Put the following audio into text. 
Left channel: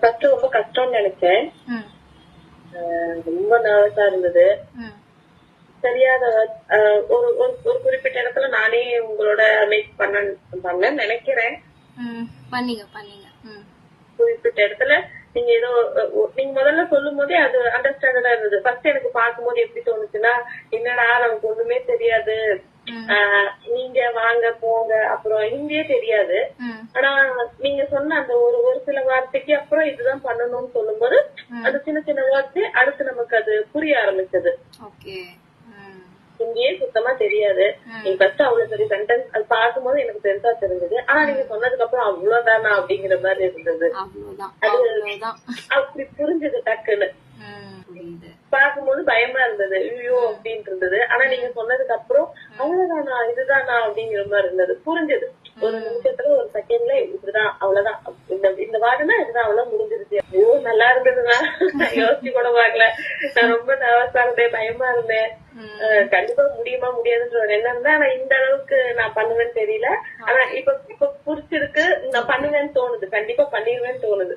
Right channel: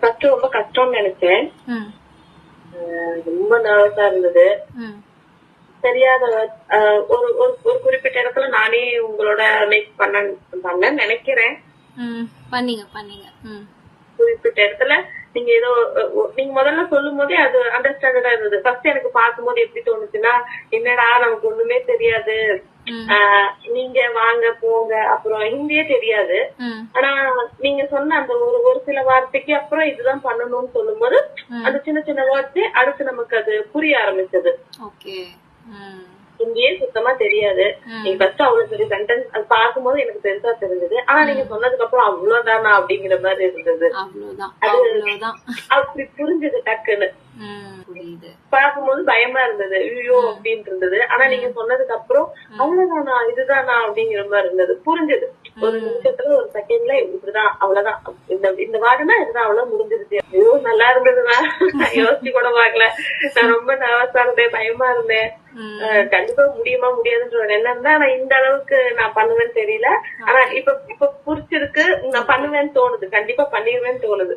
First ரொம்ப கஷ்டம்னு நினைச்சேன். ம் ரொம்ப நர்வஸா இருந்தது. ம் தெரியாத ஒரு ஒரு ஒரு குறிப்பிட்ட இடத்துல நானே உங்களோட மேக் பண்ண நினைக்கிறேன். பண்ணீங்க பண்ணீங்க. குறிப்பிட்ட இடத்துல நீங்க ஏதோ நீங்க முதல்ல சொல்லும் போதே அது அண்டர்ஸ்டாண்டடா இருந்தது. ஃபர்ஸ்ட் எனக்கு பார்க்கும்போது எப்படி தோணுச்சுன்னா, என்னடா நமக்கு ஒண்ணுமே தெரியாது, நீங்க வாங்க போங்க, அப்புறம் ஹிந்தியே தெரியாது. ஆனா நீங்க சொன்ன அந்த ஒரு ஒரு சில வார்த்தைக்கு அப்புறம் இதுதான் பண்ணணும்னு சொல்லும் போது அந்த சின்ன சின்ன வார்த்தை அடுத்து நமக்கு அது புரிய ஆரம்பிச்சது. ஹிந்தியே சுத்தமா தெரியாது. நீங்க ஃபர்ஸ்ட் அவ்வளவு பெரிய சென்டென்ஸ் அது பார்க்கும்போது எனக்கு பெருசா தெரிஞ்சது. ஆனா நீங்க சொன்னதுக்கு அப்புறம் அவ்வளவுதானா அப்படிங்கிற மாதிரி இருந்தது. அது அப்படி புரிஞ்சது டக்குன்னு. பார்க்கும்போது பயமா இருந்தது, ஐயோ அப்படின்னு இருந்தது. ஆனா நீங்க சொன்னதுக்கு அப்புறம் அவ்வளவுதானா இதுதானா அப்படிங்கிற மாதிரி இருந்தது. புரிஞ்சது ஒரு நிமிஷத்துல, ஒரு செகண்ட்ல இப்படிதான் அவ்வளவுதான், இந்த வாரம்னா இதுதான் அவ்வளவு முடிஞ்சிருச்சு. ஐயோ நல்லா இருந்ததுன்னா யோசிச்சு கூட பாக்கல. நான் ரொம்ப நர்வஸா இருந்தேன், பயமா இருந்தேன். கண்டிப்பா முடியுமா முடியாதுன்ற ஒரு எண்ணம் தான். ஆனா இந்த அளவுக்கு நான் பண்ணுவேன்னு தெரியல. ஆனா இப்ப புரிச்சிருக்கு, நான் பண்ணுவேன்னு தோணுது, கண்டிப்பா பண்ணிடுவேன்னு தோணுது.